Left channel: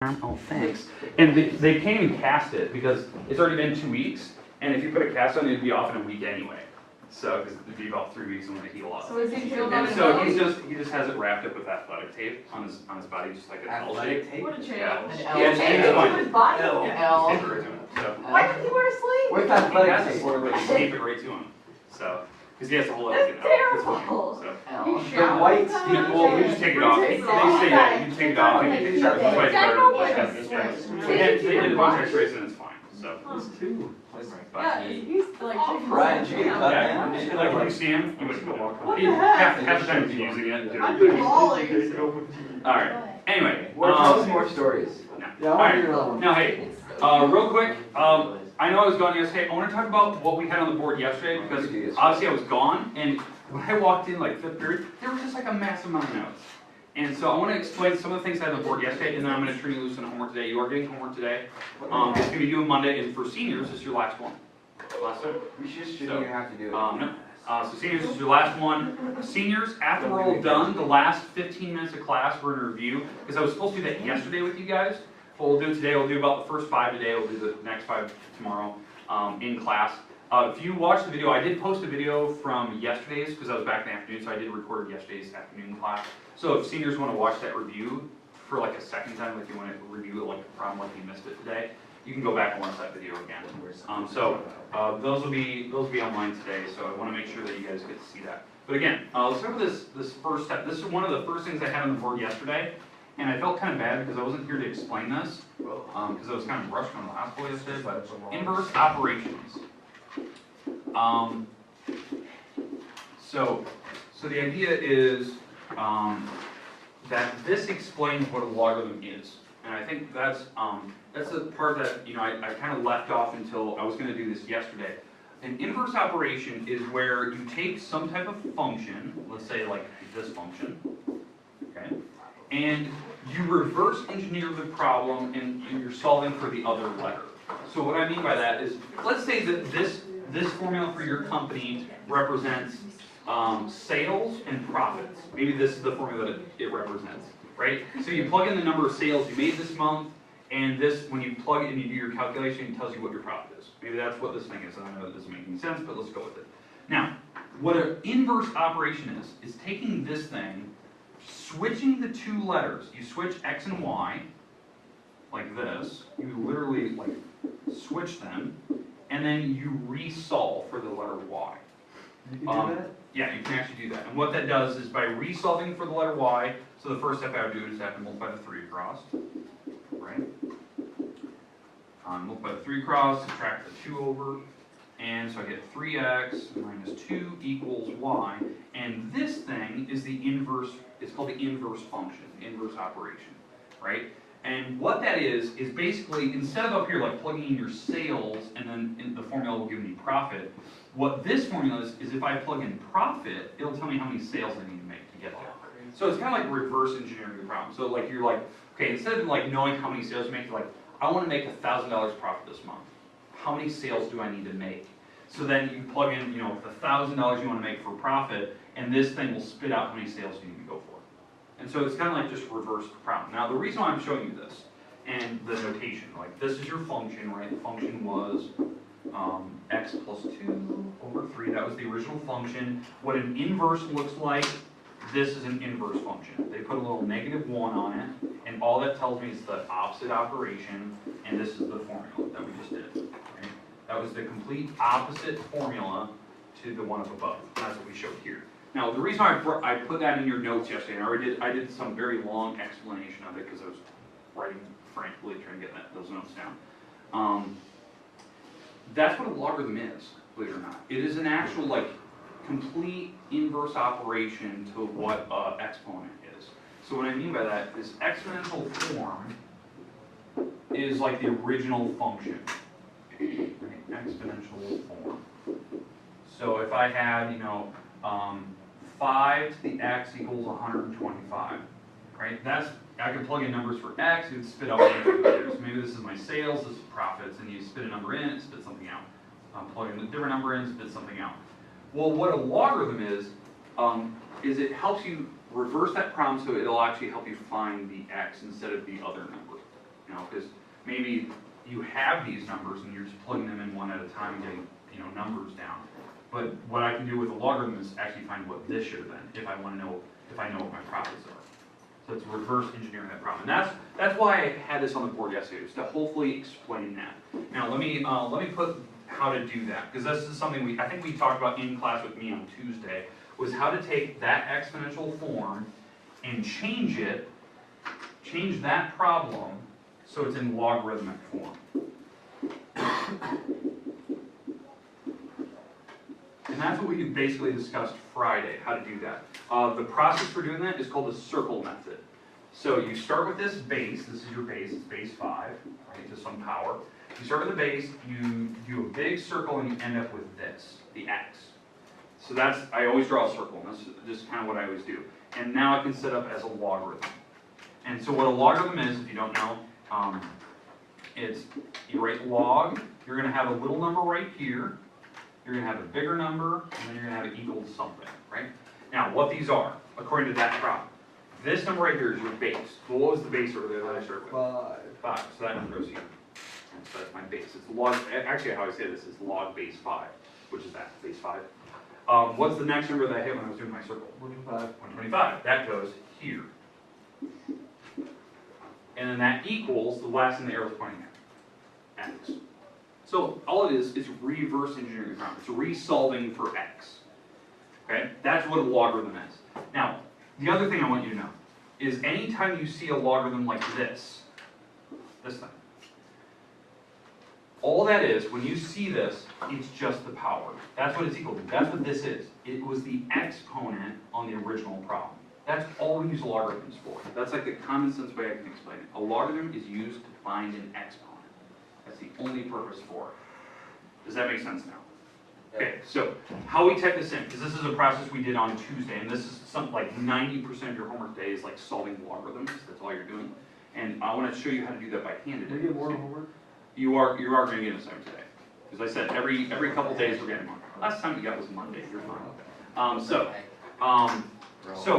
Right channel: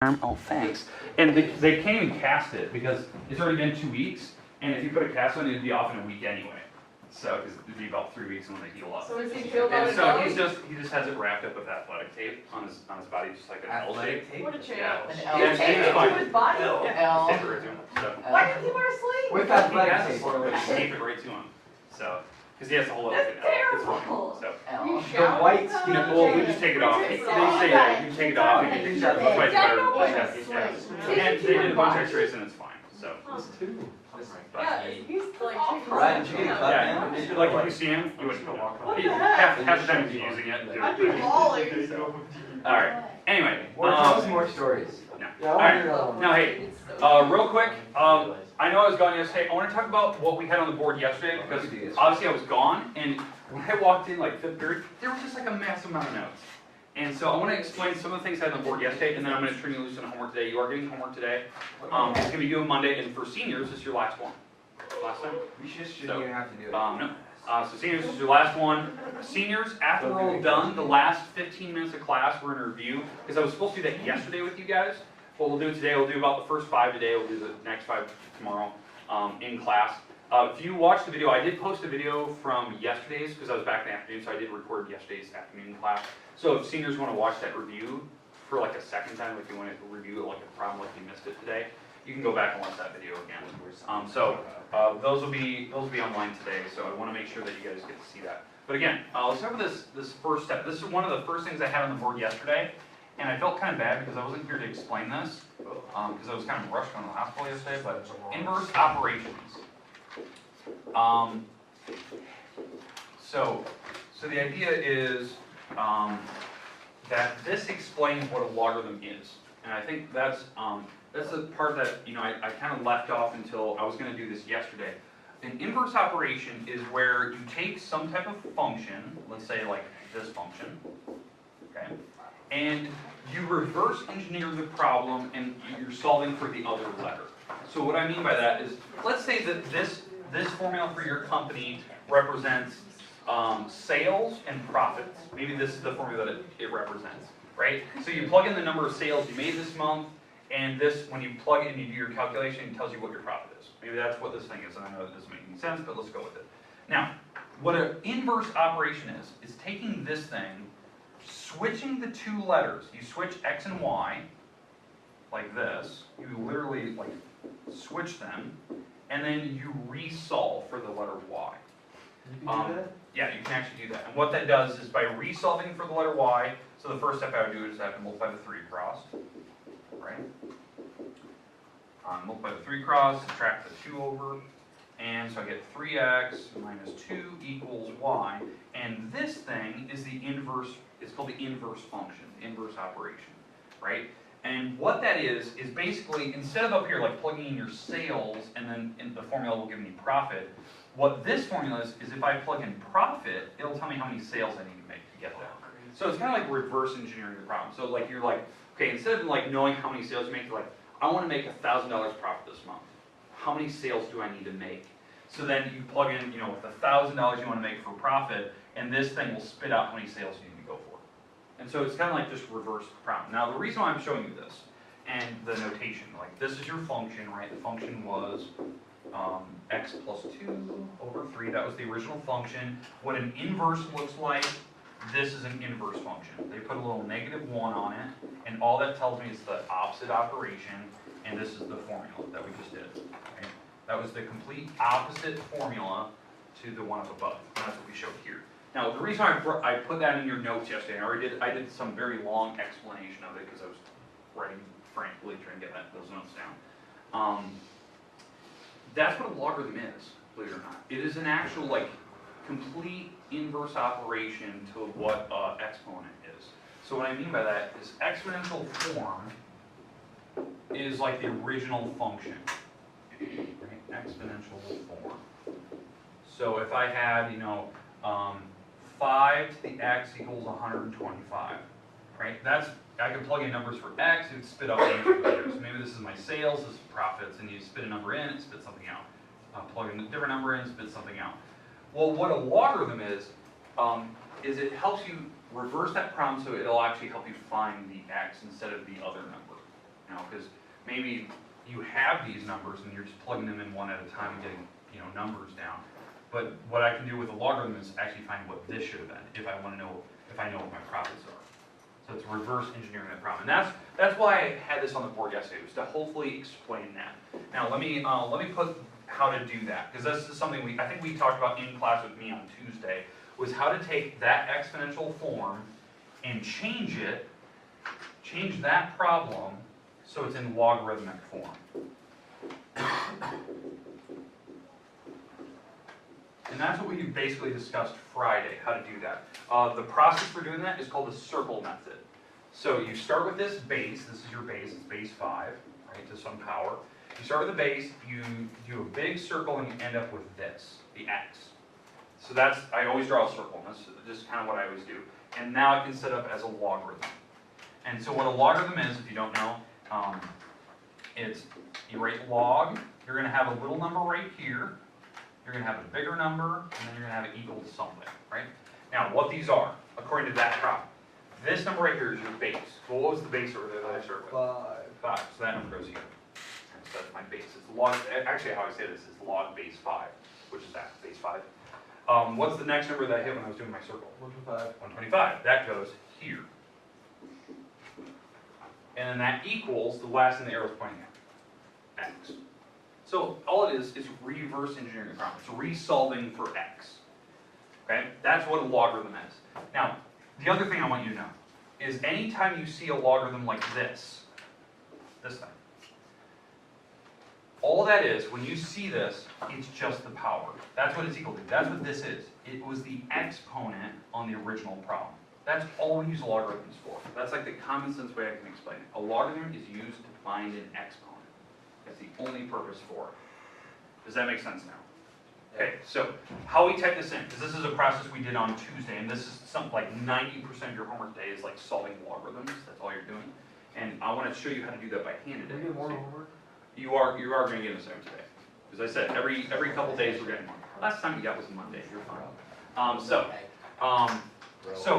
Oh, thanks. And they can't even cast it because it's already been 2 weeks, and if you put a cast on it, it'd be off in a week anyway. So, because it'd be about 3 weeks and then they heal up. So is he healed on And his so belly? he just has it wrapped up with athletic tape on his body, just like an L shape. What a champ. Yeah. An Yeah, L it's shape. fine. His body? Yeah, L. tape it right to him. So Why does he wear a sleeve? With he has athletic it tape. for just tape it right to him. So, because he has to hold it like That's an L. It's fine. terrible. So. L. You shower white with that? stick. Well, we just take it off. They Take it off. say that you can take it off and you can try to fight Yeah, better. no way. And they did a bunch of x-rays and it's fine. So. Two. Yeah, he's like shaking Right, his gee, head. Yeah, like when you see him, you would go walk. What He, the half heck? the time he's using it. I'd be bawling. All right. Anyway. Tell us more stories. No. All right. Now, hey, real quick. I know I was gone yesterday. I want to talk about what we had on the board yesterday because obviously I was gone, and when I walked in like 5th period, there was just like a massive amount of notes. And so I want to explain some of the things I had on the board yesterday, and then I'm going to turn you loose on homework today. You are getting homework today. It's going to be due on Monday, and for seniors, it's your last one. Last time? We shouldn't even have to do it. No. So seniors, this is your last one. Seniors, after we're all done, the last 15 minutes of class, we're going to review, because I was supposed to do that yesterday with you guys. What we'll do today, we'll do about the first 5 today, we'll do the next 5 tomorrow in class. If you watch the video, I did post a video from yesterday's, because I was back in the afternoon, so I did record yesterday's afternoon class. So if seniors want to watch that review for like a second time, if you want to review it like a problem like you missed it today, you can go back and watch that video again. Those will be online today, so I want to make sure that you guys get to see that. But again, let's start with this first step. This is one of the first things I had on the board yesterday, and I felt kind of bad because I wasn't here to explain this, because I was kind of rushed going to the hospital yesterday, but inverse operations. So the idea is that this explains what a logarithm is, and I think that's the part that I kind of left off until I was going to do this yesterday. An inverse operation is where you take some type of function, let's say like this function, okay, and you reverse engineer the problem and you're solving for the other letter. So what I mean by that is, let's say that this formula for your company represents sales and profits. Maybe this is the formula that it represents, right? So you plug in the number of sales you made this month, and this, when you plug it and you do your calculation, it tells you what your profit is. Maybe that's what this thing is, and I know that doesn't make any sense, but let's go with it. Now, what an inverse operation is taking this thing, switching the 2 letters. You switch x and y, like this. You literally like switch them, and then you resolve for the letter y. You can do that? Yeah, you can actually do that. And what that does is by resolving for the letter y, so the first step I would do is I have to multiply the 3 across, right? Multiply the 3 across, subtract the 2 over, and so I get 3x minus 2 equals y, and this thing is the inverse, it's called the inverse function, inverse operation, right? And what that is basically, instead of up here like plugging in your sales and then the formula will give me profit, what this formula is if I plug in profit, it'll tell me how many sales I need to make to get there. So it's kind of like reverse engineering the problem. So like you're like, okay, instead of like knowing how many sales you make, you're like, I want to make $1,000 profit this month. How many sales do I need to make? So then you plug in, the $1,000 you want to make for profit, and this thing will spit out how many sales you need to go for. And so it's kind of like just reverse the problem. Now the reason why I'm showing you this, and the notation, like this is your function, right? The function was x plus 2 over 3, that was the original function. What an inverse looks like, this is an inverse function. They put a little -1 on it, and all that tells me is the opposite operation, and this is the formula that we just did. Okay? That was the complete opposite formula to the one up above. That's what we showed here. Now, the reason I put that in your notes yesterday, and I did some very long explanation of it because I was writing frantically trying to get those notes down. That's what a logarithm is, believe it or not. It is an actual, like, complete inverse operation to what an exponent is. So what I mean by that is exponential form is like the original function. Right? Exponential form. So if I had, 5 to the x equals 125, right? I can plug in numbers for x, it would spit out numbers. So maybe this is my sales, this is profits, and you spit a number in, it spits something out. Plug in a different number in, it spits something out. Well, what a logarithm is it helps you reverse that problem so it'll actually help you find the x instead of the other number. maybe you have these numbers and you're just plugging them in one at a time and getting, you know, numbers down. But what I can do with a logarithm is actually find what this should have been, if I want to know, if I know what my profits are. So it's reverse engineering that problem. And that's why I had this on the board yesterday, was to hopefully explain that. Now let me put how to do that, because this is something I think we talked about in class with me on Tuesday, was how to take that exponential form and change that problem so it's in logarithmic form. And that's what we basically discussed Friday, how to do that. The process for doing that is called the circle method. So you start with this base, this is your base, it's base 5, right, to some power. You start with the base, you do a big circle, and you end up with this, the x. So that's, I always draw a circle, and this is kind of what I always do. And now it can set up as a logarithm. And so what a logarithm is, if you don't know, it's, you write log, you're going to have a little number right here, you're going to have a bigger number, and then you're going to have it equal to something, right? Now, what these are, according to that problem, this number right here is your base. Well, what was the base over there that I started with? 5. So that number goes here. And so that's my base. It's log, actually how I say this is log base 5, which is that, base 5. What's the next number that I hit when I was doing my circle? 125. 125. That goes here. And then that equals, the last thing the arrow's pointing at, x. So all it is reverse engineering the problem. It's resolving for x. Okay? That's what a logarithm is. Now, the other thing I want you to know is anytime you see a logarithm like this thing, all that is, when you see this, it's just the power. That's what it's equal to. That's what this is. It was the exponent on the original problem. That's all we use logarithms for. That's like the common sense way I can explain it. A logarithm is used to find an exponent. That's the only purpose for it. Does that make sense now? Okay, so how we type this in, because this is a process we did on Tuesday, and this is something like 90% of your homework today is like solving logarithms. That's all you're doing. And I want to show you how to do that by hand today. We get more homework? You are going to get an assignment today. As I said, every couple days we're getting more. Last time you got was Monday. You're fine. So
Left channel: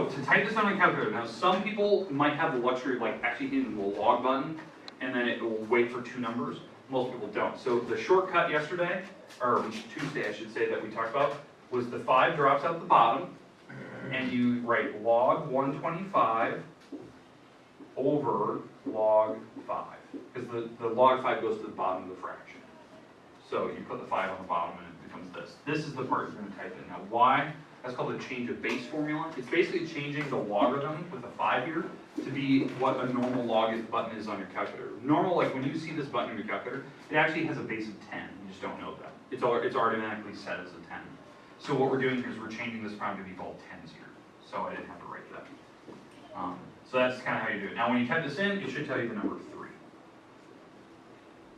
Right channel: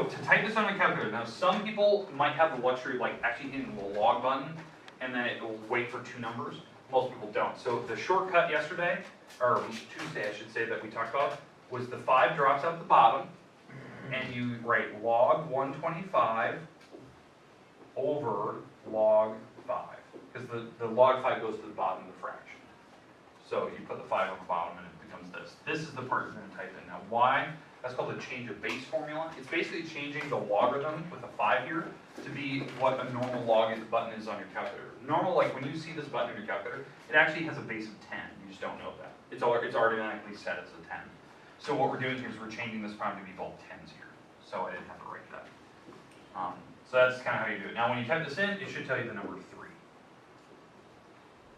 to type this on a calculator, now some people might have the luxury of like actually hitting the log button, and then it will wait for 2 numbers. Most people don't. So the shortcut yesterday, or Tuesday I should say, that we talked about, was the 5 drops out the bottom, and you write log 125 over log 5. Because the log 5 goes to the bottom of the fraction. So you put the 5 on the bottom and it becomes this. This is the part you're going to type in. Now why? That's called the change of base formula. It's basically changing the logarithm with a 5 here to be what a normal log button is on your calculator. Normal, like when you see this button on your calculator, it actually has a base of 10. You just don't know that. It's automatically set as a 10. So what we're doing here is we're changing this prime to be both 10s here. So I didn't have to write that. So that's kind of how you do it. Now when you type this in, it should tell you the number 3.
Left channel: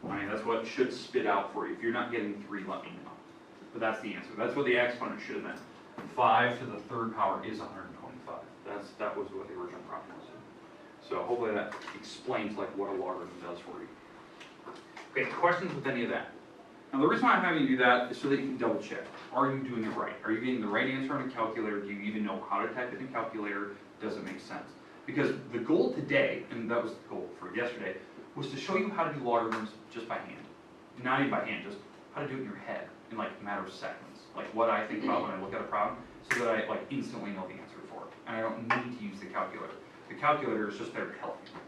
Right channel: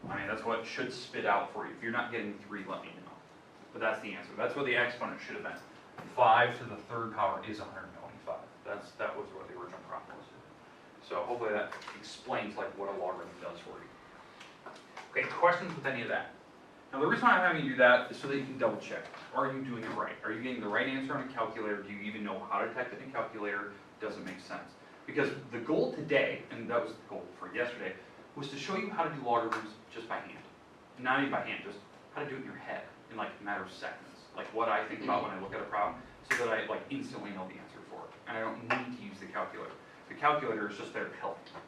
I mean, that's what should spit out for you. If you're not getting 3, let me know. But that's the answer. That's what the exponent should have been. 5 to the 3rd power is 125. That was what the original problem was. So hopefully that explains like what a logarithm does for you. Okay, questions with any of that? Now the reason I'm having you do that is so that you can double check. Are you doing it right? Are you getting the right answer on a calculator? Do you even know how to type it in a calculator? Does it make sense? Because the goal today, and that was the goal for yesterday, was to show you how to do logarithms just by hand. Not even by hand, just how to do it in your head in like a matter of seconds. Like what I think about when I look at a problem, so that I like instantly know the answer for it. And I don't need to use the calculator. The calculator is just there to help you.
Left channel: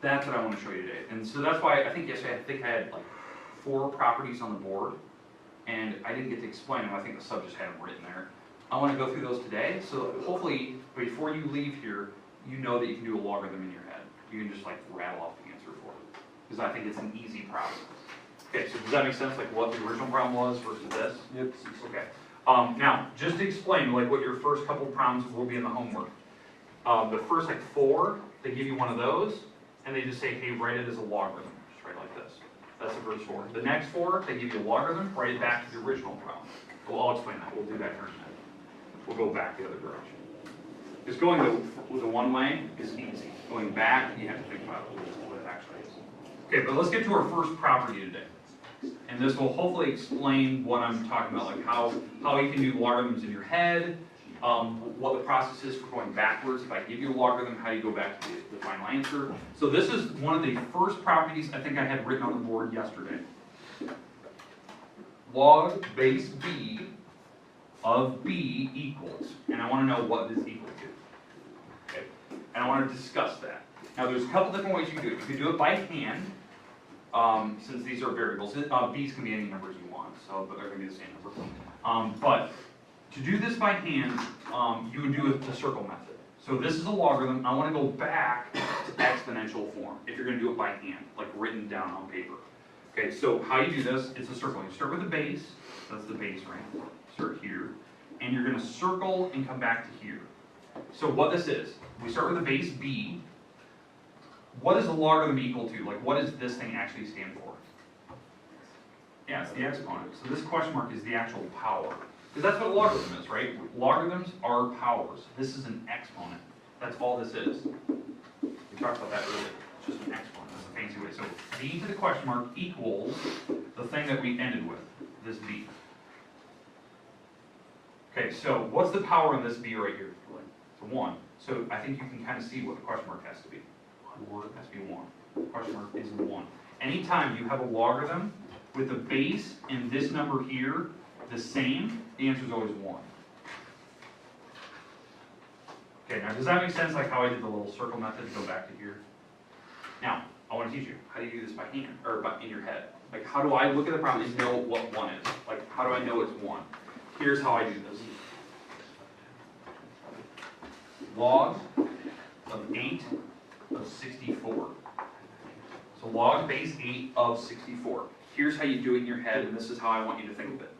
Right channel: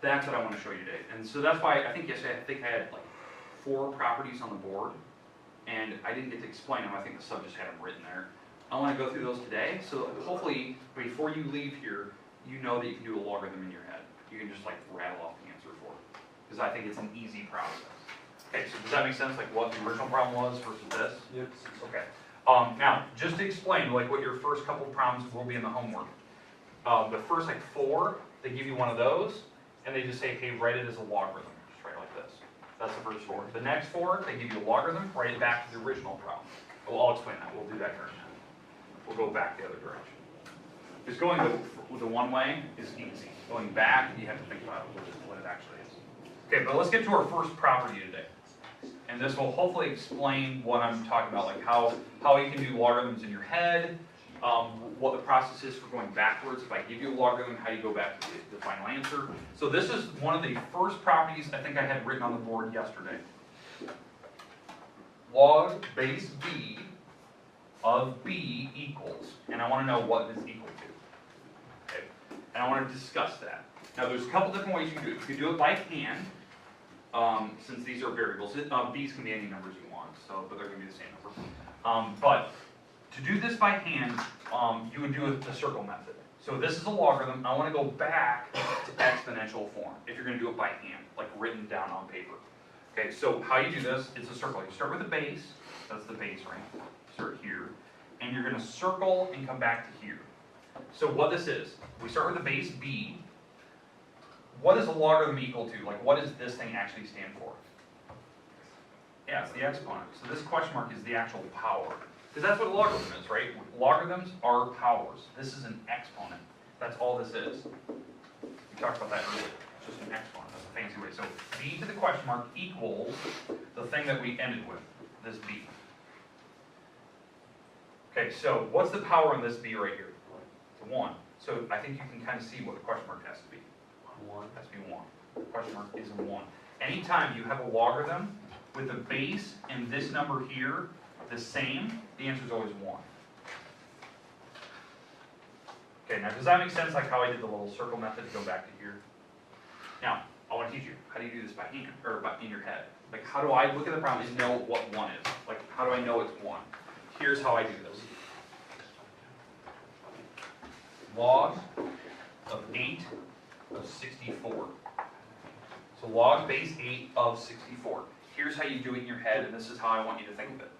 That's what I want to show you today. And so that's why I think yesterday, I had like 4 properties on the board, and I didn't get to explain them. I think the sub just had them written there. I want to go through those today, so that hopefully before you leave here, you know that you can do a logarithm in your head. You can just like rattle off the answer for it. Because I think it's an easy process. Okay, so does that make sense, like what the original problem was versus this? Yep. Okay. Now, just to explain like what your first couple problems will be in the homework. The first like 4, they give you one of those, and they just say, hey, write it as a logarithm. Just write it like this. That's the first 4. The next 4, they give you a logarithm, write it back to the original problem. Well, I'll explain that. We'll do that in a minute. We'll go back the other direction. Just going the one way is easy. Going back, you have to think about what it actually is. Okay, but let's get to our first property today. And this will hopefully explain what I'm talking about, like how you can do logarithms in your head, what the process is for going backwards. If I give you a logarithm, how you go back to the final answer. So this is one of the first properties I think I had written on the board yesterday. Log base b of b equals, and I want to know what this equal to. Okay, and I want to discuss that. Now there's a couple different ways you can do it. You can do it by hand, since these are variables. B's can be any numbers you want, so but they're going to be the same number. But to do this by hand, you would do it the circle method. So this is a logarithm. I want to go back to exponential form if you're going to do it by hand, like written down on paper. Okay, so how you do this, it's a circle. You start with the base, that's the base range. Start here, and you're going to circle and come back to here. So what this is, we start with the base b. What is a logarithm equal to? Like, what does this thing actually stand for? Yeah, it's the exponent. So this question mark is the actual power. Because that's what a logarithm is, right? Logarithms are powers. This is an exponent. That's all this is. We talked about that earlier. It's just an exponent. That's a fancy way. So b to the question mark equals the thing that we ended with, this b. Okay, so what's the power on this b right here? It's 1. So I think you can kind of see what the question mark has to be. 1 has to be 1. The question mark is a 1. Anytime you have a logarithm with the base and this number here the same, the answer is always 1. Okay, now does that make sense, like how I did the little circle method to go back to here? Now, I want to teach you, how do you do this by hand, or in your head? Like, how do I look at the problem and know what 1 is? Like, how do I know it's 1? Here's how I do this. Log of 8 of 64. So log base 8 of 64. Here's how you do it in your head, and this is how I want you to think of it.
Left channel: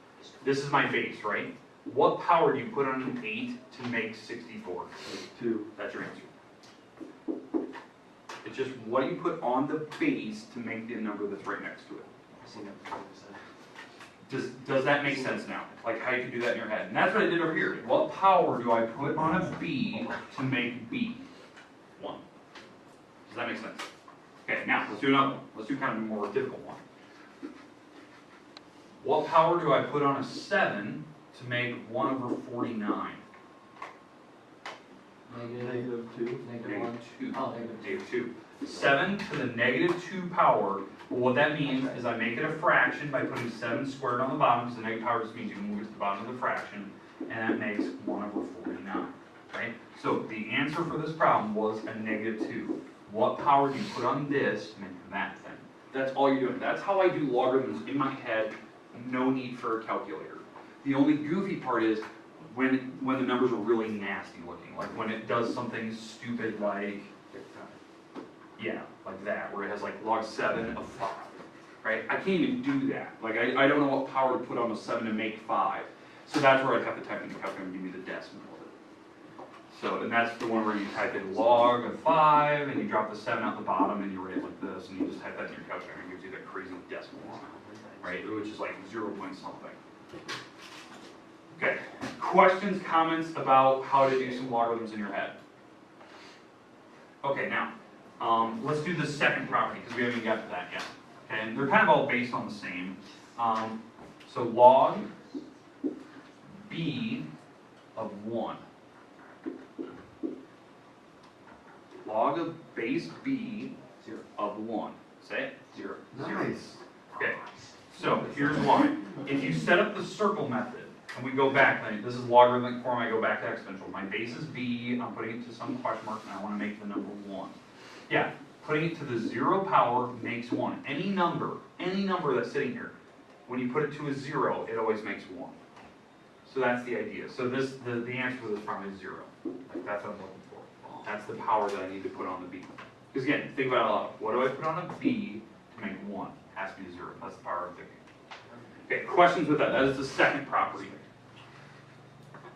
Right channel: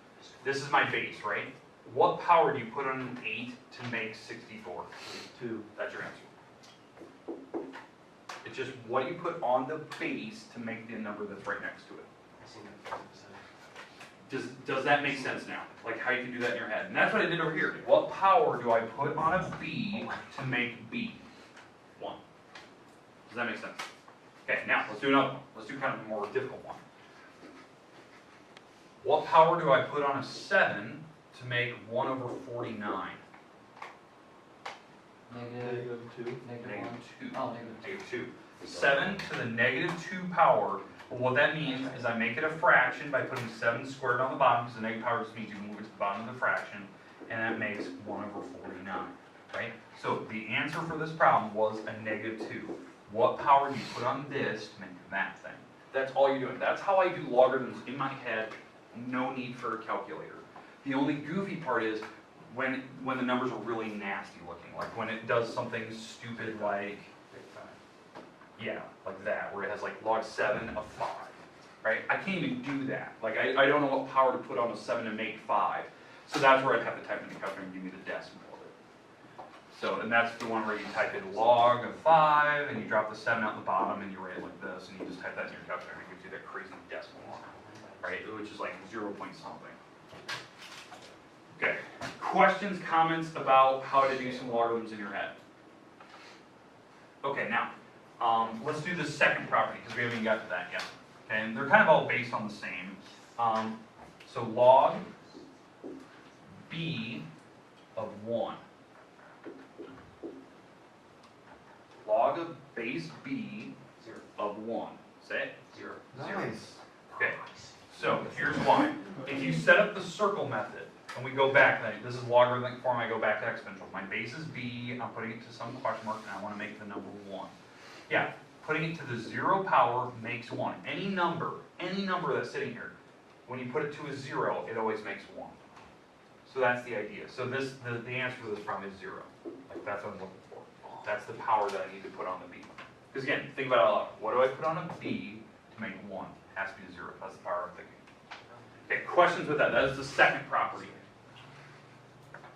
This is my base, right? What power do you put on an 8 to make 64? 2. That's your answer. It's just what do you put on the base to make the number that's right next to it? Does that make sense now? Like how you can do that in your head? And that's what I did over here. What power do I put on a b to make b? 1. Does that make sense? Okay, now let's do another one. Let's do kind of a more difficult one. What power do I put on a 7 to make 1 over 49? Negative 2. Negative 2. Oh, Negative 2. 7 to the negative 2 power. Well, what that means is I make it a fraction by putting 7 squared on the bottom, because the negative power just means you move it to the bottom of the fraction, and that makes 1 over 49, right? So the answer for this problem was a negative 2. What power do you put on this to make that thing? That's all you're doing. That's how I do logarithms in my head. No need for a calculator. The only goofy part is when the numbers are really nasty looking, like when it does something stupid like, yeah, like that, where it has like log 7 of 5, right? I can't even do that. Like I don't know what power to put on a 7 to make 5. So that's where I'd have to type in the calculator and give me the decimal. So, and that's the one where you type in log of 5, and you drop the 7 out the bottom, and you write it like this, and you just type that in your calculator, and it gives you that crazy decimal line, right? Which is like 0 point something. Okay, questions, comments about how to do some logarithms in your head? Okay, now, let's do the second property, because we haven't even got to that yet. And they're kind of all based on the same. So log b of 1. Log of base b of 1. Say it? 0. Nice. Okay, so here's why. If you set up the circle method, and we go back, then this is logarithmic form, I go back to exponential. My base is b, I'm putting it to some question mark, and I want to make the number 1. Yeah, putting it to the 0 power makes 1. Any number that's sitting here, when you put it to a 0, it always makes 1. So that's the idea. So this, the answer to this problem is 0. Like that's what I'm looking for. That's the power that I need to put on the b. Because again, think about it out loud. What do I put on a b to make 1? It has to be 0. That's the power I'm thinking. Okay, questions with that? That is the second property.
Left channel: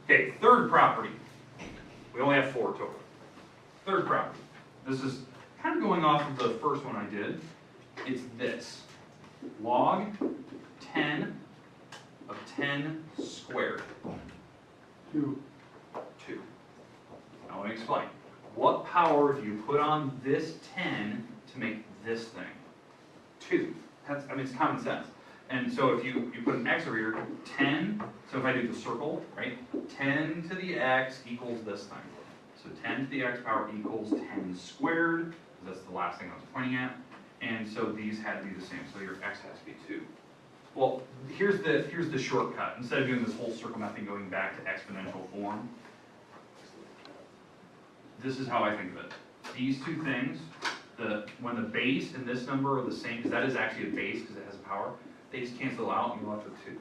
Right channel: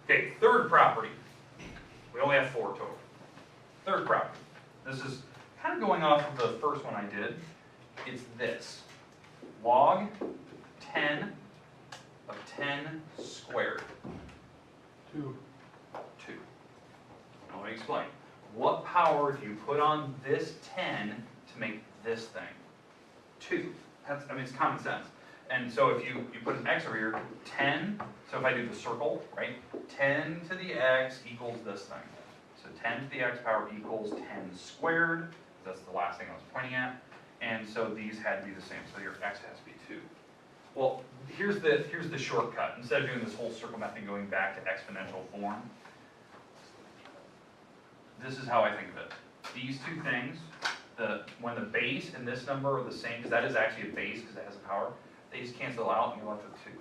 Okay, third property. We only have 4 total. Third property. This is kind of going off of the first one I did. It's this. Log 10 of 10 squared. 2. 2. Now let me explain. What power do you put on this 10 to make this thing? 2. That's, I mean, it's common sense. And so if you put an x over here, 10, so if I do the circle, right, 10 to the x equals this thing. So 10 to the x power equals 10 squared, that's the last thing I was pointing at, and so these had to be the same, so your x has to be 2. Well, here's the shortcut. Instead of doing this whole circle method going back to exponential form, this is how I think of it. These two things, when the base and this number are the same, because that is actually a base because it has a power, they just cancel out and you're left with 2.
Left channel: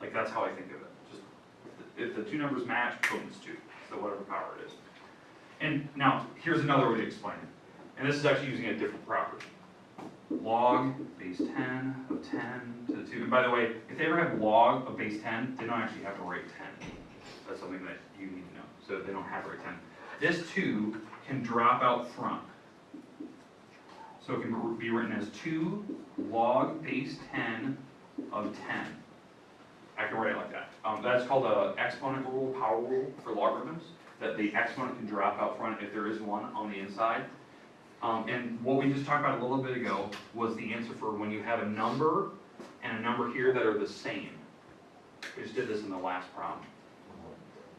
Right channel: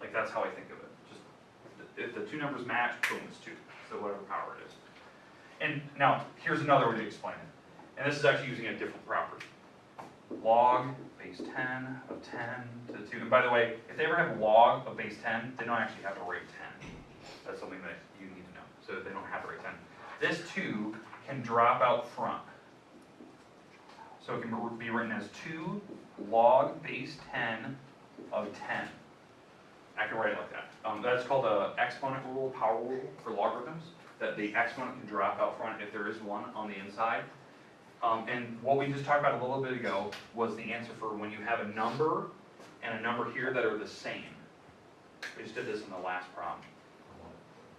Like, that's how I think of it. Just if the two numbers match, boom, it's 2. So whatever power it is. And now, here's another way to explain it. And this is actually using a different property. Log base 10 of 10 to the 2. And by the way, if they ever have log of base 10, they don't actually have to write 10. That's something that you need to know. So they don't have to write 10. This 2 can drop out front. So it can be written as 2 log base 10 of 10. I can write it like that. That's called the exponent rule, power rule for logarithms, that the exponent can drop out front if there is one on the inside. And what we just talked about a little bit ago was the answer for when you have a number and a number here that are the same. We just did this in the last problem.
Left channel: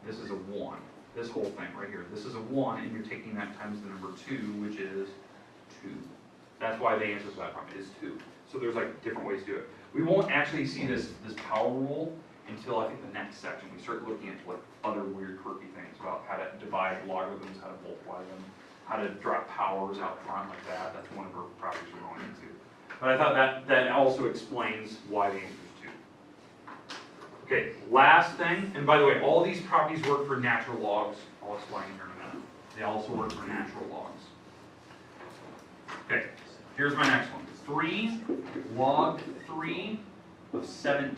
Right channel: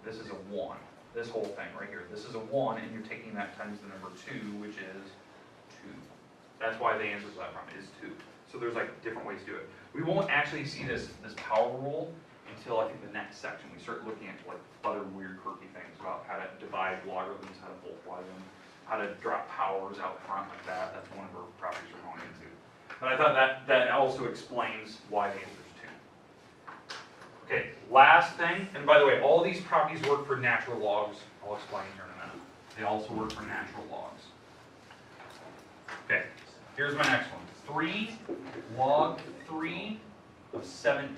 This is a 1. This whole thing right here. This is a 1, and you're taking that times the number 2, which is 2. That's why the answer to that problem is 2. So there's like different ways to do it. We won't actually see this power rule until I think the next section. We start looking at like other weird quirky things about how to divide logarithms, how to multiply them, how to drop powers out front like that. That's one of our properties we're going into. But I thought that also explains why the answer is 2. Okay, last thing, and by the way, all these properties work for natural logs. I'll explain here in a minute. They also work for natural logs. Okay, here's my next one. 3 log 3 of 17.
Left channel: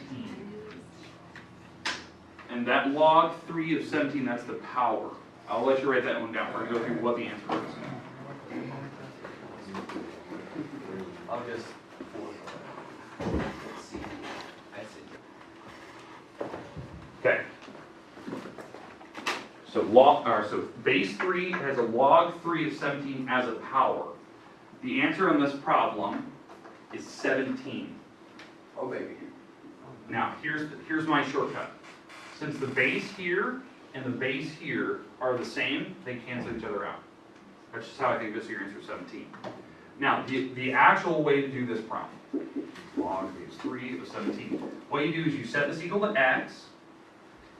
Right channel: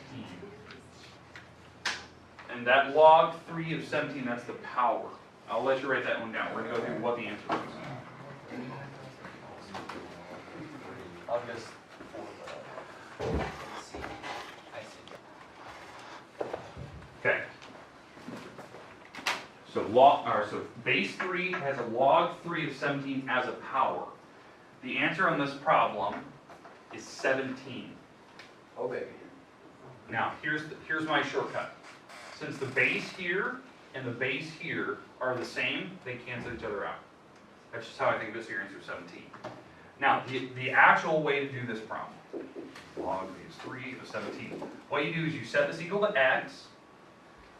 And that log 3 of 17, that's the power. I'll let you write that one down. We're going to go through what the answer is. August 4th. I see. Okay. So so base 3 has a log 3 of 17 as a power. The answer on this problem is 17. Oh, baby. Now, here's my shortcut. Since the base here and the base here are the same, they cancel each other out. That's just how I think this is your answer, 17. Now, the actual way to do this problem, log base 3 of 17. What you do is you set this equal to x,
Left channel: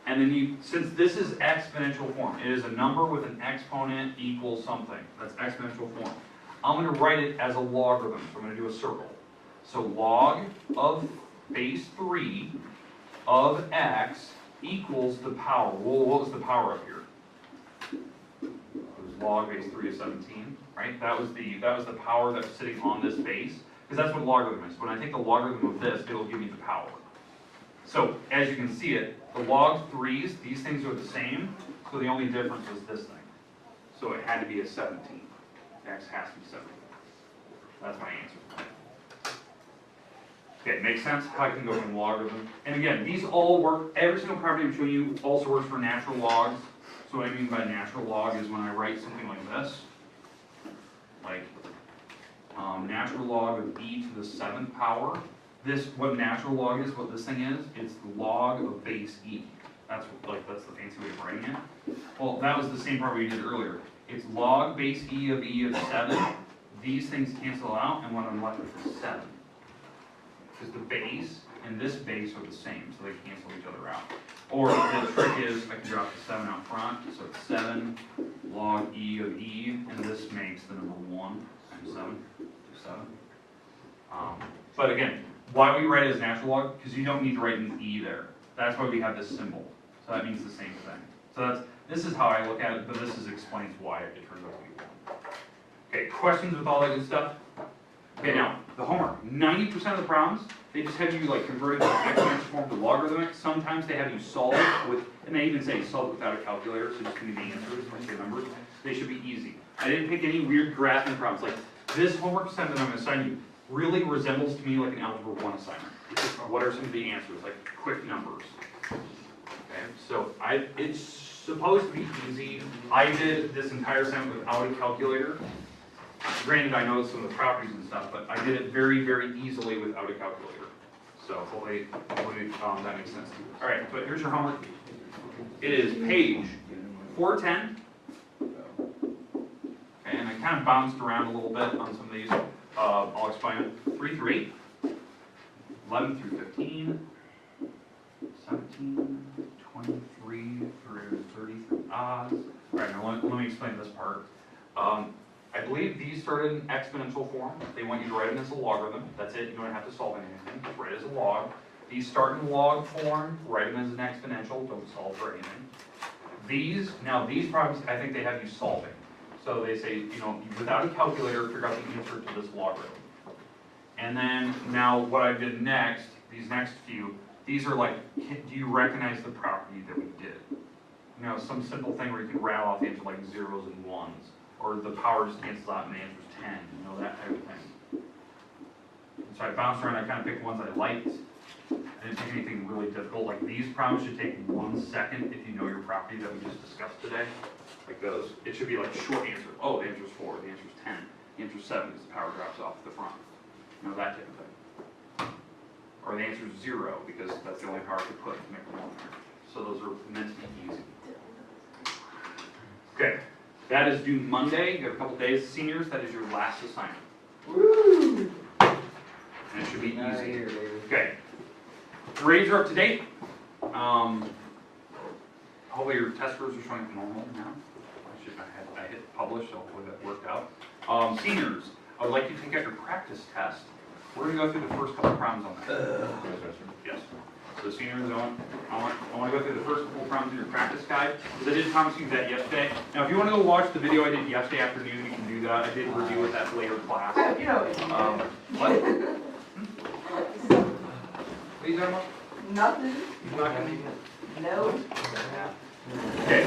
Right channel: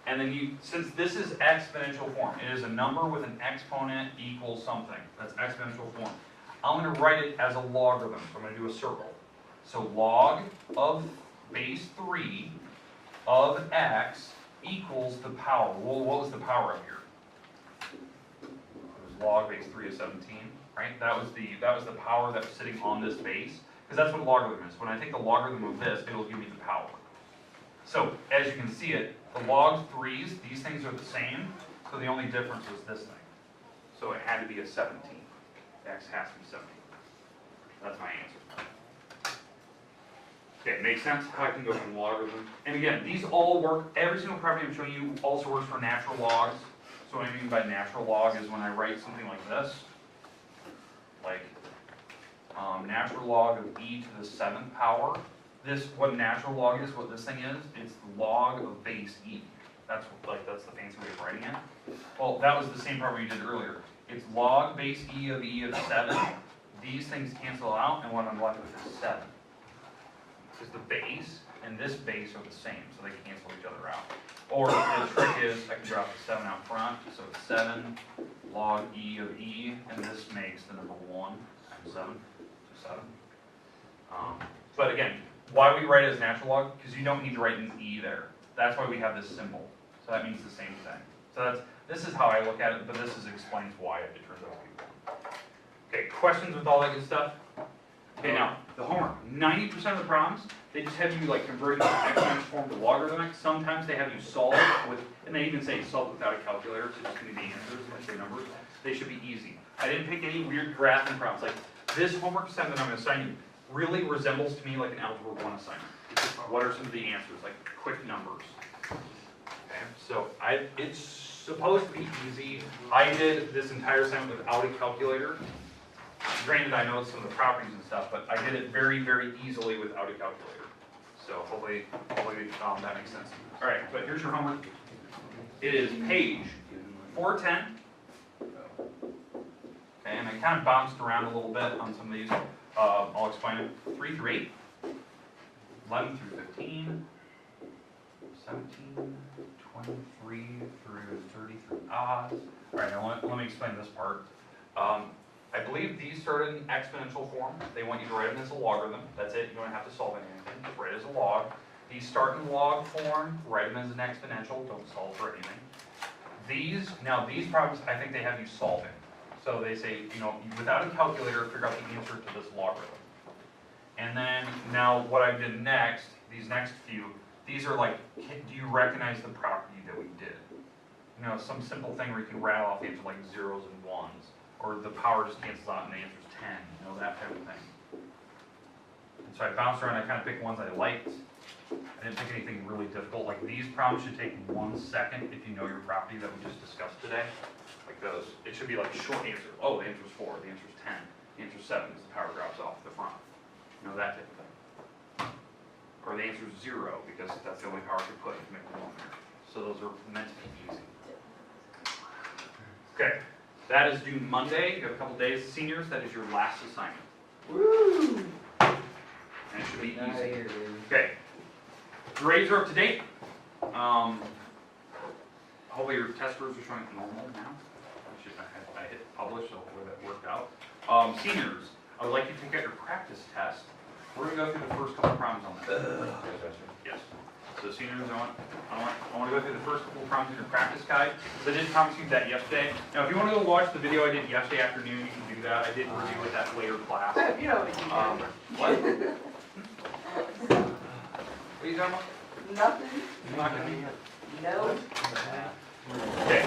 and then since this is exponential form, it is a number with an exponent equals something. That's exponential form. I'm going to write it as a logarithm, so I'm going to do a circle. So log of base 3 of x equals the power. Well, what was the power up here? It was log base 3 of 17, right? That was the power that was sitting on this base, because that's what a logarithm is. When I take the logarithm of this, it'll give me the power. So, as you can see it, the log 3's, these things are the same, so the only difference was this thing. So it had to be a 17. X has to be 17. That's my answer. Okay, makes sense how I can go from logarithm. And again, these all work, every single property I'm showing you also works for natural logs. So what I mean by natural log is when I write something like this, like natural log of e to the 7th power. This, what natural log is, what this thing is, it's the log of base e. That's the fancy way of writing it. Well, that was the same property we did earlier. It's log base e of 7. These things cancel out, and what I'm left with is 7. Because the base and this base are the same, so they cancel each other out. Or the trick is, I can drop the 7 out front, so it's 7 log e of e, and this makes the number 1 times 7, to 7. But again, why we write it as natural log? Because you don't need to write an e there. That's why we have this symbol. So that means the same thing. So this is how I look at it, but this explains why it turns out to be 1. Okay, questions with all that good stuff? Okay, now, the homework. 90% of the problems, they just have you like convert it from exponential form to logarithmic. Sometimes they have you solve it with, and they even say solve it without a calculator, so just give me the answers, like the numbers. They should be easy. I didn't pick any weird graphing problems. Like, this homework assignment that I'm going to assign you really resembles to me like an Algebra 1 assignment. What are some of the answers? Like, quick numbers. Okay, so it's supposed to be easy. I did this entire assignment without a calculator. Granted, I know some of the properties and stuff, but I did it very, very easily without a calculator. So hopefully that makes sense. All right, but here's your homework. It is page 410. Okay, and I kind of bounced around a little bit on some of these. I'll explain it. 3 through 8, 11 through 15, 17, 23 through 33 odds. All right, now let me explain this part. I believe these start in exponential form. They want you to write them as a logarithm. That's it. You don't have to solve anything. Just write it as a log. These start in log form. Write them as an exponential. Don't solve for anything. These problems, I think they have you solving. So they say, you know, without a calculator, figure out the answer to this logarithm. And then now what I did next, these next few, these are like, do you recognize the property that we did? You know, some simple thing where you can rattle off the answer like zeros and ones, or the power just cancels out and the answer's 10, you know, that type of thing. And so I bounced around, I kind of picked ones I liked. I didn't pick anything really difficult. Like these problems should take 1 second if you know your property that we just discussed today. Like those, it should be like short answer. Oh, the answer's 4, the answer's 10, the answer's 7 because the power drops off the front. You know, that type of thing. Or the answer's 0 because that's the only power I could put to make them on there. So those are meant to be easy. Okay, that is due Monday. You have a couple days. Seniors, that is your last assignment. Woo! And it should be easy. Okay, grades are up to date. Hopefully your test scores are showing normal now. I hit publish, so hopefully that worked out. Seniors, I would like you to take out your practice test. We're going to go through the first couple problems on that. Yes. So seniors, I want to go through the first couple problems in your practice guide, because I did promise you that yesterday. Now, if you want to go watch the video I did yesterday afternoon, you can do that. I did review it that later class. You know what you What? What are you talking about? Nothing. You're not going to be No. Okay.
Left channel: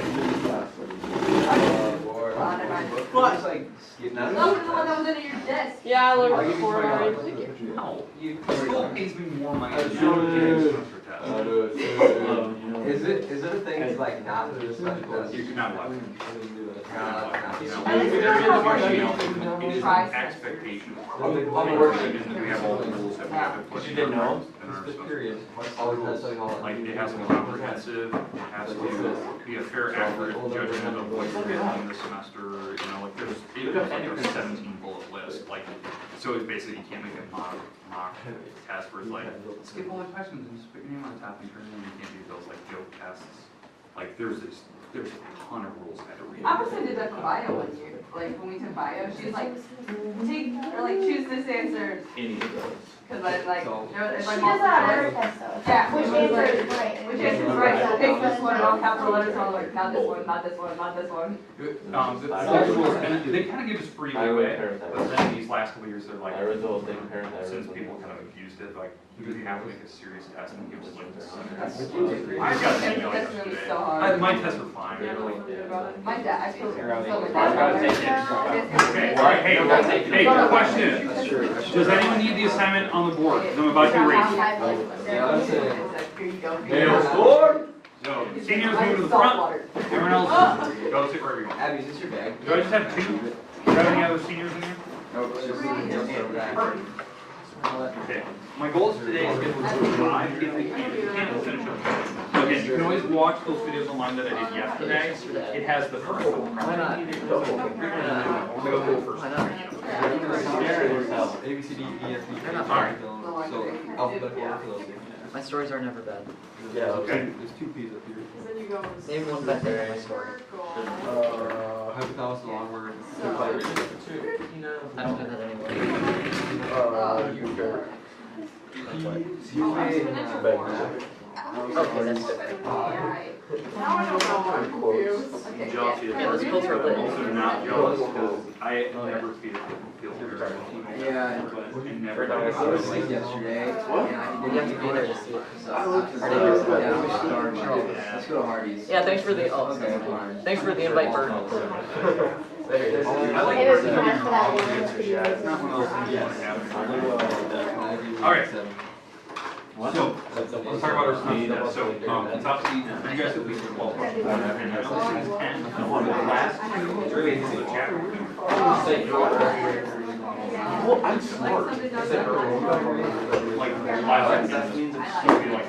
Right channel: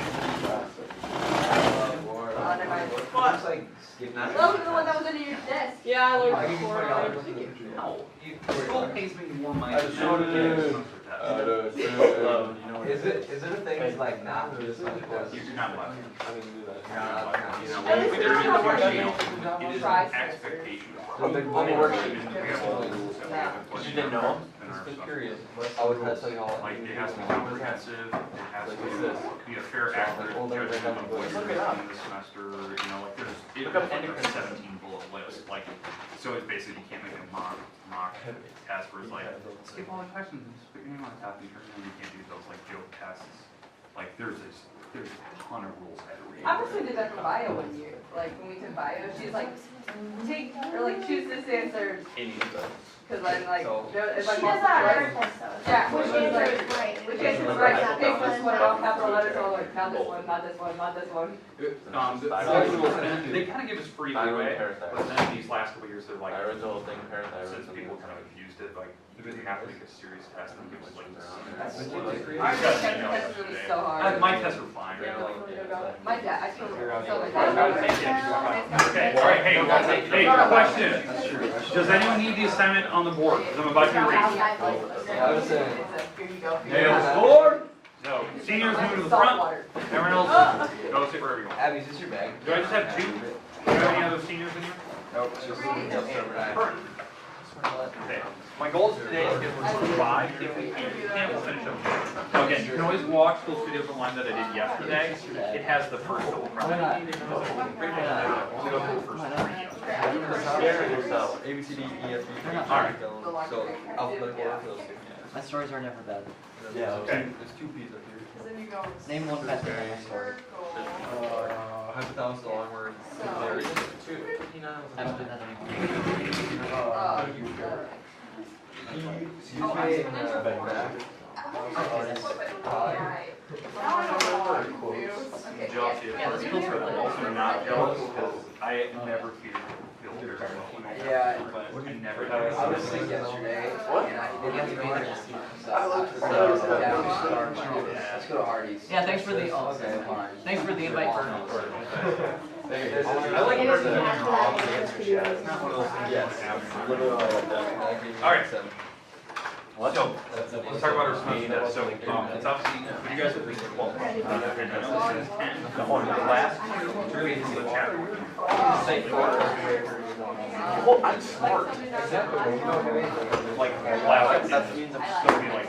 What? Like, Look at the one that was under your desk. Yeah, I I'll looked give you for $20. it. No. The school pays me more money than Sure that. is. Is it a thing to like not do this? You cannot laugh. At least But you're there is a not worksheet. It is Try an expectation. On the worksheet. We have all the rules that we have to put You in didn't know? in our stuff. Curious. All the testing, all Like, it has to be comprehensive, it has to be a fair, accurate judgment of what you're doing this semester, you know, like, there's, it was like a 17 bullet list, like, so it's basically, you can't make a mock test where it's like, skip all the questions and just put your name on top and turn it in, you can't do those, like, joke tests. Like, there's a ton of rules I had to read. I personally did that for bio one year. Like when we took bio, she's like, choose this answer. Any of those. Cause I like, So- if I She does that on every multiple test though. Yeah, Which which answer answer is right? Which answer is right? So pick this one, and all capital letters, all like, not this one, not this one, not this one. The rules, and they kind of give us free leeway, but then these last couple years, they're like, since people kind of abused it, like, you really have to make a serious test and give us like this. Our test really so hard. My tests are fine. Yeah, They're really like- good about it. My dad, I feel so like. Okay, all right, hey, question. Does anyone need the assignment on the board? 'Cause I'm about to read. Here you go. Hail score! So, seniors move to the front. Everyone else, go sit wherever you want. Abby, is this your bag? Do I just have 2? Do you have any other seniors in here? Nope, it's just Perfect. Okay, my goals today is to get through 5. If we can't, we'll finish up. Now again, you can always watch those videos online that I did yesterday. It has the first couple problems. We'll go through the first 3. A, B, C, D, E, F, G, H, All right. So, alphabetical order for those two. My stories are never bad. Yeah, Okay. there's 2 P's up here. Name one best story. Hypothalamus, the long word. I don't have that anymore. Jealousy of course. Also not jealous because I never feel very Yeah. I never I was do. sick yesterday. What? And I didn't have to be there to see it. Let's go to Hardee's. Yeah, thanks for the thanks for the invite, Bert. I like It was person that not answer that. It's not one of those things you want to have. All All right. So, let's talk about our speed. So, top speed, you guys have least 12. And the last two, really into the chapter. Well, I'm smart. Like, that means I'm still be like,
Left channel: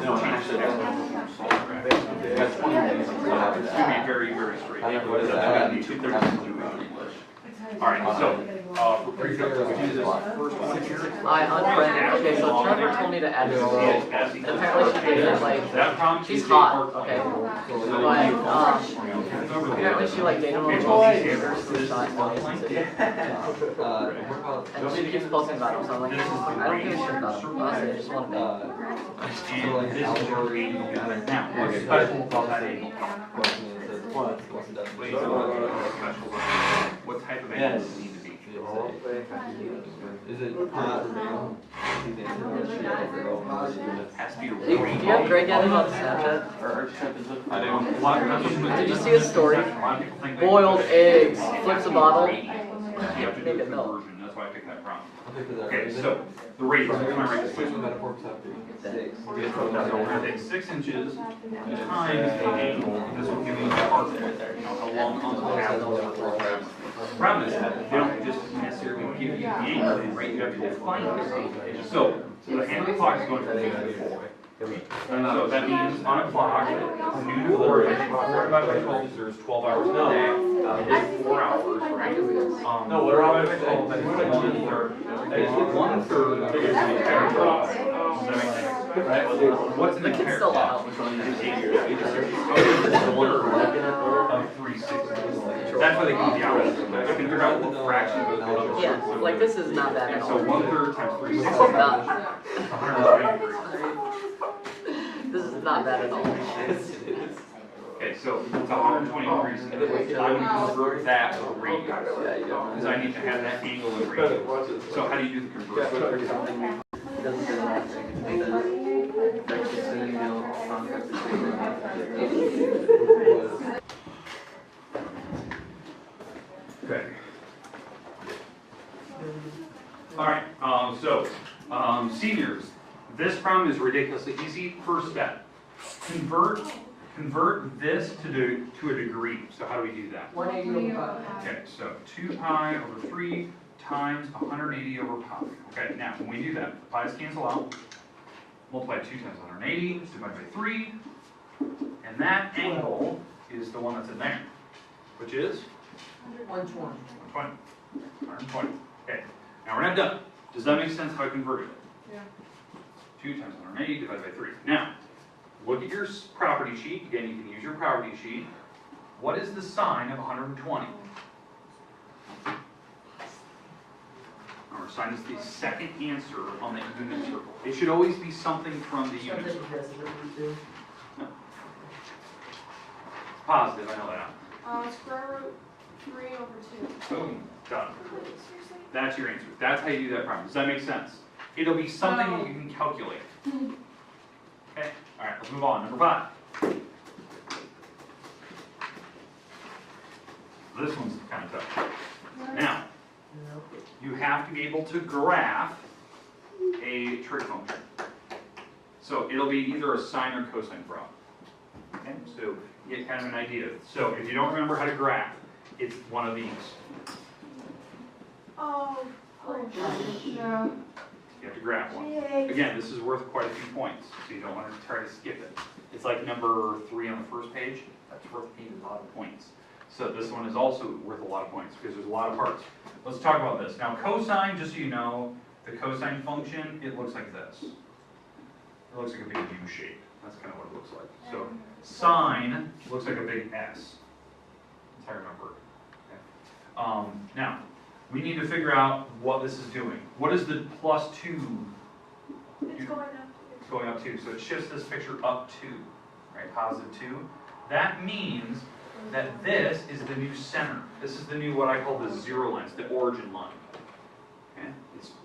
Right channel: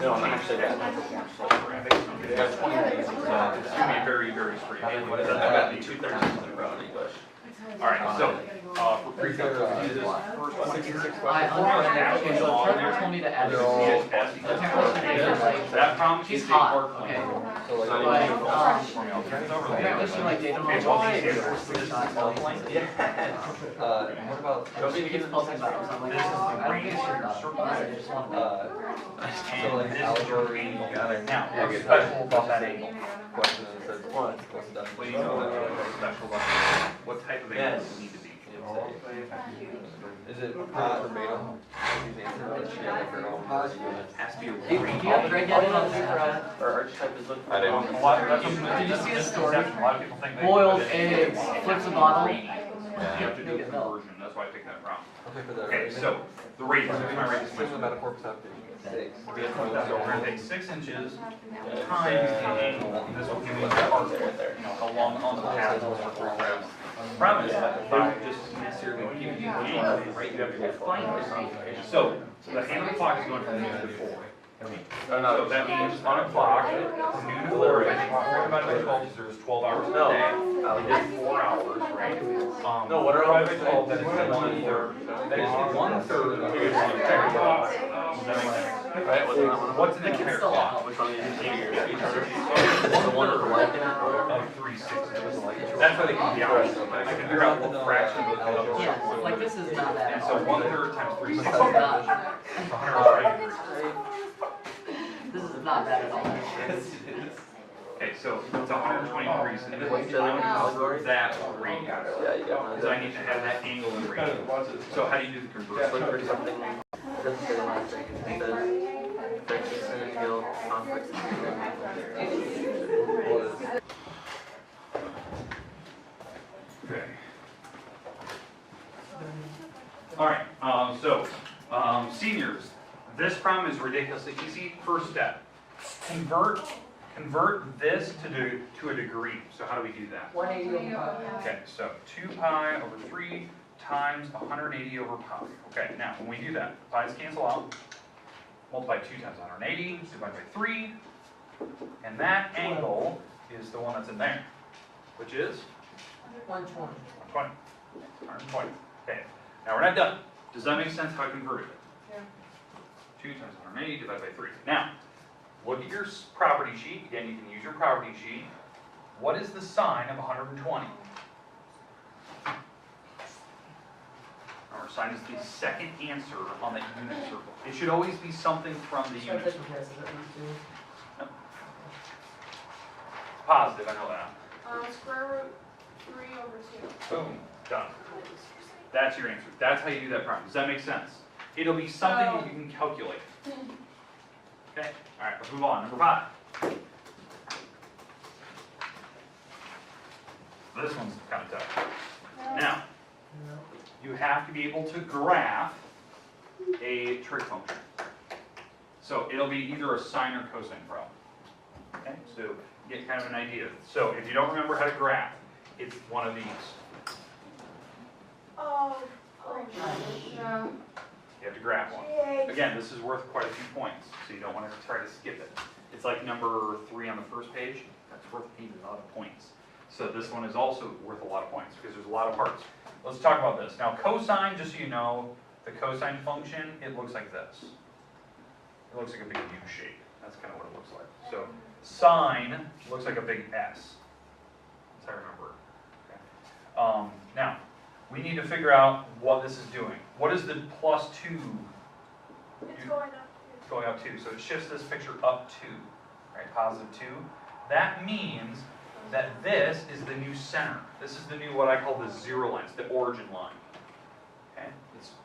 no, I'm actually got 20 days. So it's going to be very, very straight. I've got 2 30s in a row in English. Alright, so, for pre-calculus, we do this first one here. I unfriended. Okay, so Trevor told me to add this. Apparently she did it like, That prompt she's is hot, a okay. But, Apparently she like dated one of What those What about? and she gets close and back, so I'm like, I don't give a shit about them. Honestly, I just want to and this is your angle. Now, what's special about that angle? What type of angle does it need to be? Is it not verbatim? Has to be a Do you have Greg getting on the Snapchat? Or archetype is looking. I do. Did you see his story? A lot of people think they. Boiled eggs, flips a bottle. You have to do a conversion, that's why I picked that prompt. Okay, for the. Okay, so, the radius, we're gonna rate this Swing the one. metaphor top two. So we're gonna take 6 inches times the angle, this will give you the arc right there, you know, how long on the path will it work out. Problem is, they don't just necessarily give you the angle, right, you have to define it. So, the hand of the clock is going from 2 to 4. So that means on a clock, noon to 4, I think 4 divided by 12, so there's 12 hours in a day. It's 4 hours, right? No, what are divided by 12, that is 1/3. That is 1/3 of the clock. Right? What's in the The kid's compare still clock? out. Which one is it? The one that like it. Of 3/6. That's why they give you the hours. They can figure out what fraction of the Yeah, like this is not bad And at so all. 1/3 times 3/6 This is is not, 120 degrees. this is not bad at all. Okay, so it's 120 degrees. And I would convert that to radius. Yeah, you got Because I need to have that angle in radius. So how do you do the conversion? It doesn't say one thing, it says vector synonym conflict between them. Okay. Alright, seniors, this problem is ridiculously easy. First step, convert this to a degree. So how do we do that? 180 over 5. Okay, so 2 pi over 3 times 180 over pi. Okay, now when we do that, the pi's cancel out. Multiply 2 times 180, divided by 3. And that angle is the one that's in there, which is 120. 120. Okay, now we're not done. Does that make sense how I converted it? Yeah. 2 times 180 divided by 3. Now, look at your property sheet. Again, you can use your property sheet. What is the sign of 120? Our sign is the second answer on the unit circle. It should always be something from the unit circle. No. Positive, I know that. Square root 3 over 2. Boom, done. That's your answer. That's how you do that problem. Does that make sense? It'll be something that you can calculate. Okay, all right, let's move on. Number 5. This one's kind of tough. Now, you have to be able to graph a trig function. So it'll be either a sine or cosine problem. Okay, so you get kind of an idea. So if you don't remember how to graph, it's one of these. Oh, no. You have to graph one. Again, this is worth quite a few points, so you don't want to try to skip it. It's like number 3 on the first page. That's worth a lot of points. So this one is also worth a lot of points because there's a lot of parts. Let's talk about this. Now cosine, just so you know, the cosine function, it looks like this. It looks like a big U shape. That's kind of what it looks like. So sine looks like a big S. That's how I remember it. Okay. Now, we need to figure out what this is doing. What is the +2? It's going up. It's going up 2. So it shifts this picture up 2, right? Positive 2. That means that this is the new center. This is the new, what I call the 0 line. It's the origin line. Okay?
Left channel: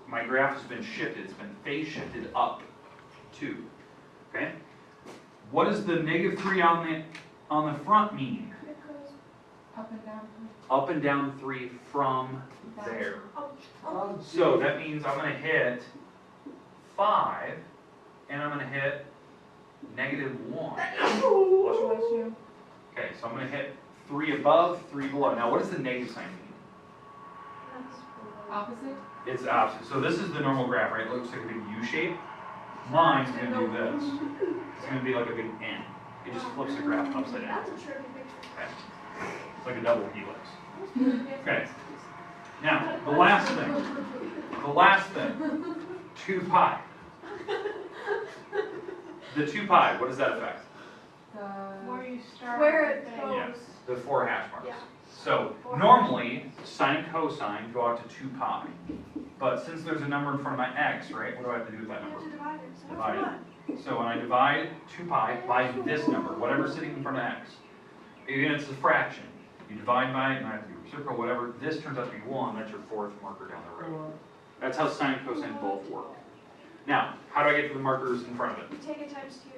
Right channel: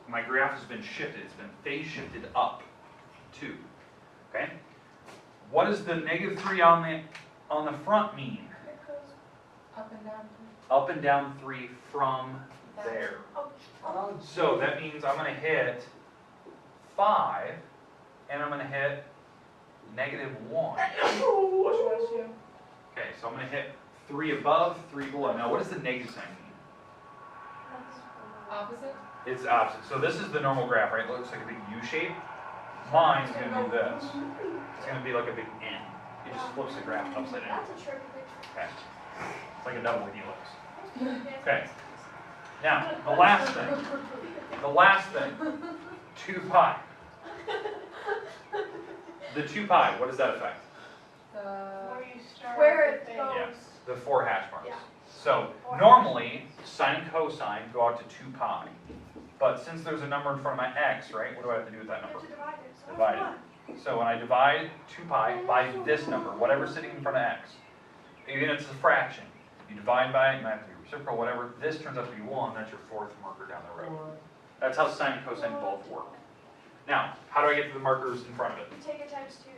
My graph has been shifted. It's been phase shifted up 2. Okay? What does the -3 on the front mean? It goes up and down. Up and down 3 from there. Oh, So that means I'm going to hit 5, and I'm gonna hit -1. Okay, so I'm gonna hit 3 above, 3 below. Now what does the negative sign mean? Opposite? It's opposite. So this is the normal graph, right? It looks like a big U shape. Mine's gonna do this. It's gonna be like a big N. It just flips the graph upside down. That's a tricky picture. Okay. It's like a double helix. Okay. Now, the last thing, 2 pi. The 2 pi, what does that affect? Where you start. Where with it the goes. Yeah, the 4 hash marks. Yeah. So normally, sine and cosine go out to 2 pi. But since there's a number in front of my x, right, what do I have to do with that You number? have to divide it. So Divide what's it. So when I divide 2 pi by this number, whatever's sitting in front of x, even if it's a fraction, you divide by it, and I have to do reciprocal, whatever, this turns out to be 1, that's your 4th marker down the road. That's how sine and cosine both work. Now, how do I get to the markers in front of it? You take it times 2.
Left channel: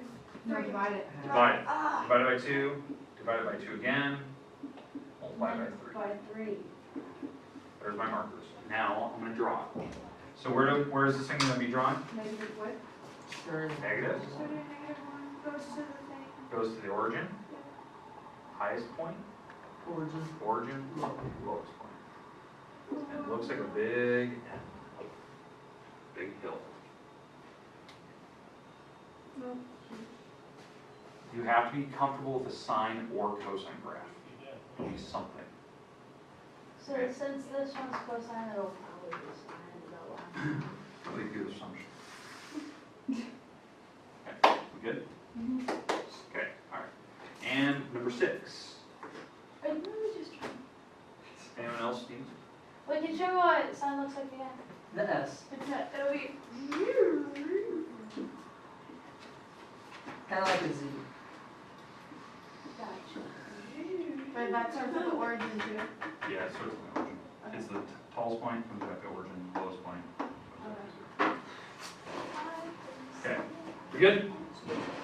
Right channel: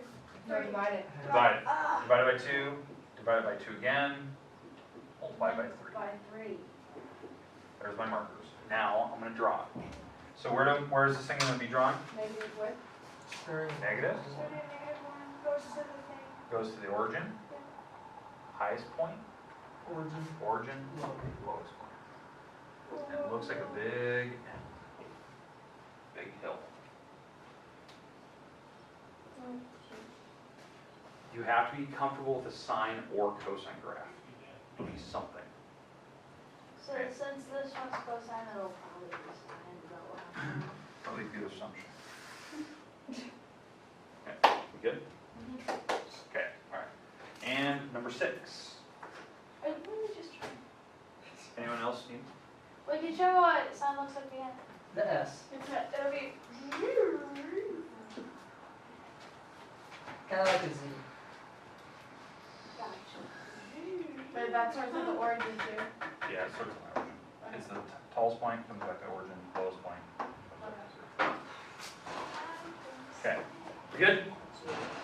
No, divide it. Divide it. Ah. Divide it by 2, divide it by 2 again, multiply by 3. By 3. There's my markers. Now, I'm going to draw. So where is this thing going to be drawn? Negative what? Negative. So the -1 goes to the thing. Goes to the origin. Highest point. Origin. Lowest point. And it looks like a big N. Big hill. You have to be comfortable with a sine or cosine graph. At least something. So since this one's cosine, it'll probably be sine. Is that what? Probably a good assumption. Okay, we good? Okay, alright. And number 6. I really just try. Anyone else need? Wait, can you show me what sine looks like again? The S. It'll be. Kind of like a Z. Gotcha. Wait, that starts with the origin too. Yeah, so it's the tallest point, comes back to origin, lowest point. Okay, we good?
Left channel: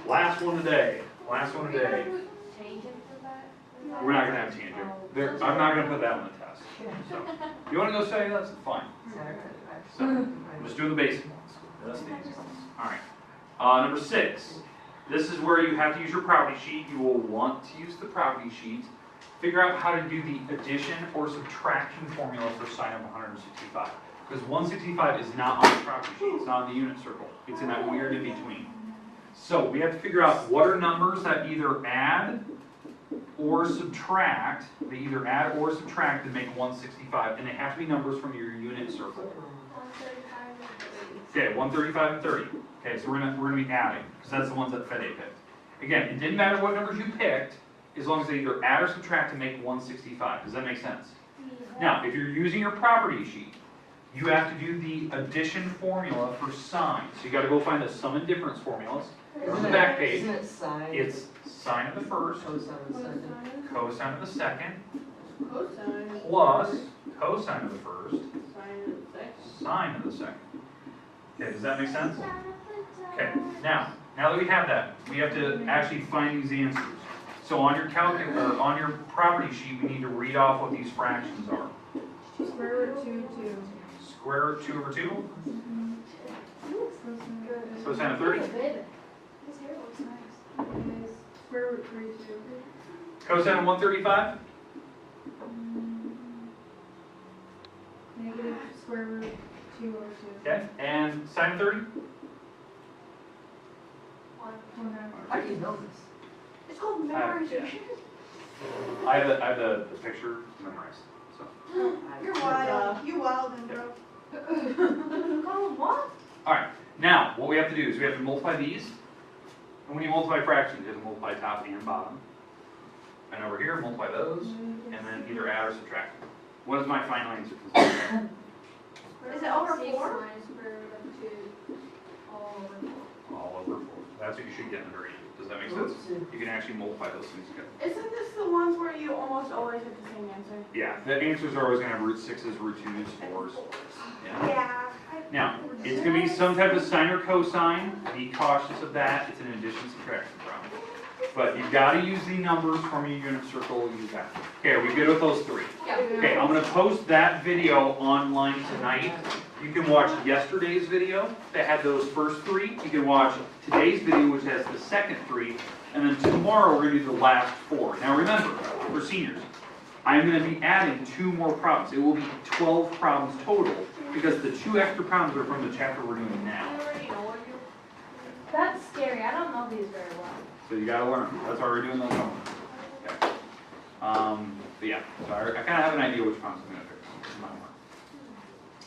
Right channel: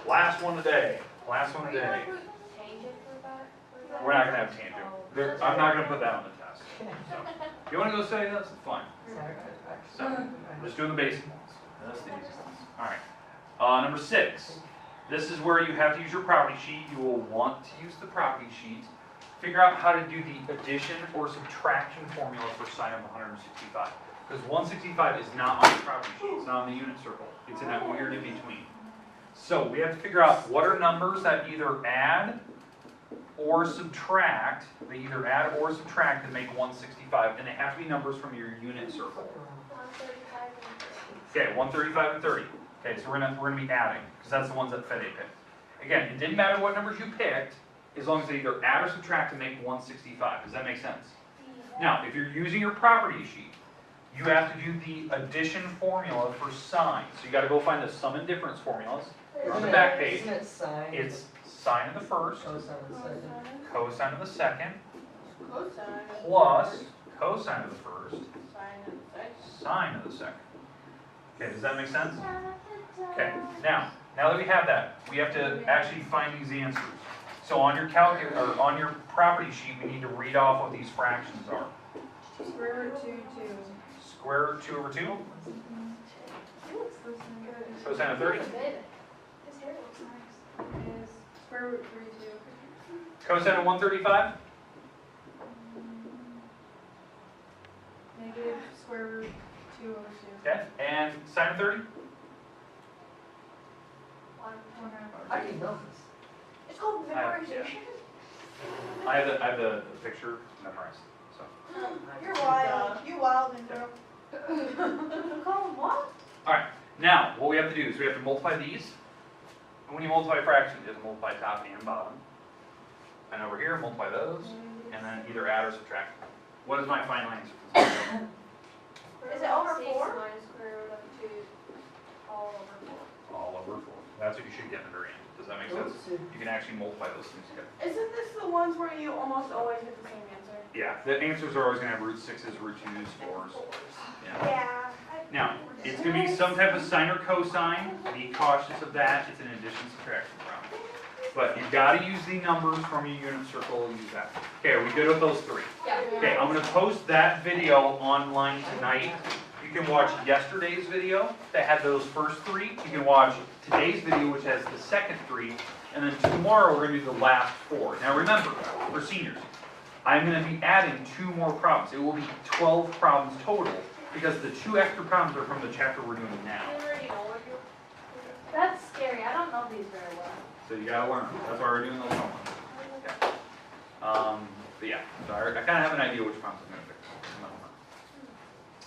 Last one today. Last one today. Tangent for that? We're not gonna have tangent. I'm not gonna put that on the test. So, if you wanna go study this, it's fine. So, I'm just doing the basic ones. That's the easy ones. Alright. Number 6. This is where you have to use your property sheet. You will want to use the property sheet. Figure out how to do the addition or subtraction formula for sine of 165. Because 165 is not on the property sheet. It's not on the unit circle. It's in that weird in between. So we have to figure out what are numbers that either add or subtract. They either add or subtract to make 165. And they have to be numbers from your unit circle. 135 and 30. Okay, 135 and 30. Okay, so we're gonna be adding, because that's the ones that Fede picked. Again, it didn't matter what numbers you picked, as long as they either add or subtract to make 165. Does that make sense? Now, if you're using your property sheet, you have to do the addition formula for sine. So you gotta go find the sum and difference formulas. They're on the back page. Isn't it sine? It's sine of the first, Cosine of the second. cosine of the second, Cosine. plus cosine of the first, Sine of the second. sine of the second. Okay, does that make sense? Okay, now that we have that, we have to actually find these answers. So on your on your property sheet, we need to read off what these fractions are. Square root 2, 2. Square root 2 over 2, Cosine cosine of 30, His hair looks nice. is square root 3, 2. cosine of 135, Negative square root 2 over 2. okay, and sine of 30, 1/2. How do you know this? It's called memorization. I have the picture memorized. So You're wild. You wild and bro. You call him what? alright, now what we have to do is we have to multiply these. And when you multiply fractions, you have to multiply top and bottom. And over here, multiply those, and then either add or subtract them. What is my final answer? Is it over 4? Minus square root of 2. All over 4. All over 4. That's what you should get in the very end. Does that make sense? You can actually multiply those things together. Isn't this the ones where you almost always get the same answer? Yeah, the answers are always going to have root 6s, root 2s, 4s. Yeah. Yeah. Now, it's going to be some type of sine or cosine. Be cautious of that. It's an addition subtraction problem. but you've got to use the numbers from your unit circle, use that. Okay, are we good with those three? Yeah. Okay, I'm gonna post that video online tonight. You can watch yesterday's video that had those first three. You can watch today's video, which has the second three. And then tomorrow, we're gonna do the last four. Now remember, for seniors, I'm gonna be adding 2 more problems. It will be 12 problems total, because the 2 extra problems are from the chapter we're doing now. That's scary, I don't know these very well. So you gotta learn them. That's why we're doing those homework. Okay. But yeah, so I kinda have an idea which problems I'm gonna fix in my homework.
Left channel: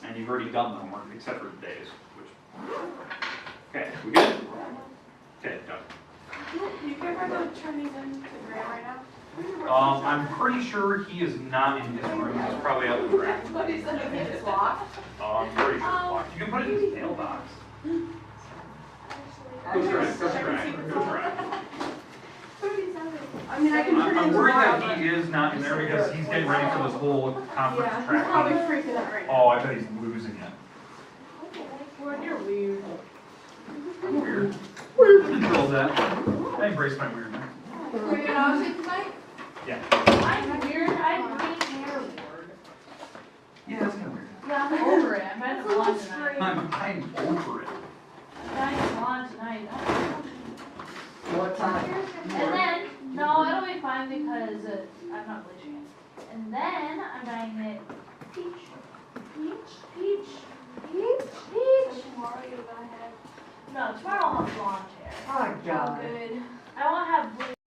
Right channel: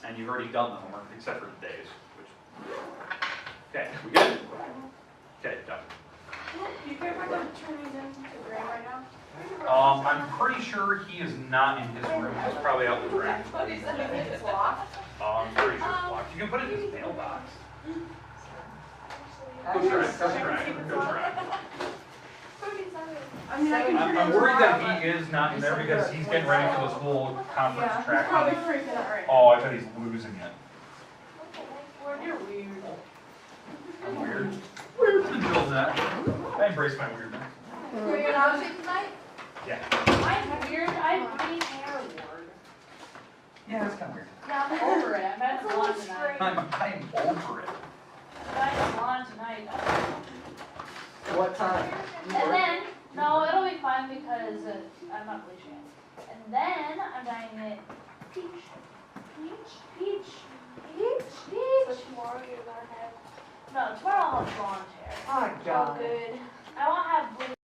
And you've already done the homework, except for today's, which... Okay, we good? Okay, done. You think we're gonna turn these into Graham right now? I'm pretty sure he is not in his room. He's probably out with Greg. But he's in his loft. I'm pretty sure it's locked. You can put it in his mailbox. Go try. I mean, I can turn it I'm into worried that Graham, he is not in there because he's getting ready for this whole conference Yeah, track he's probably meeting. freaking out right now. Oh, I bet he's losing it. You're weird. I'm weird. Weird. Control that. I embrace my weirdness. Are you gonna have it tonight? Yeah. I'm weird, I'm green hair bored. Yeah, that's kind of weird. Yeah, I'm over it, I'm at the salon tonight. I'm over it. I'm at the salon tonight. What time? And then, no, it'll be fine because I'm not bleaching it. And then I'm dyeing it peach. So tomorrow you're gonna have. No, tomorrow I'll have blonde hair. Oh, Oh, good.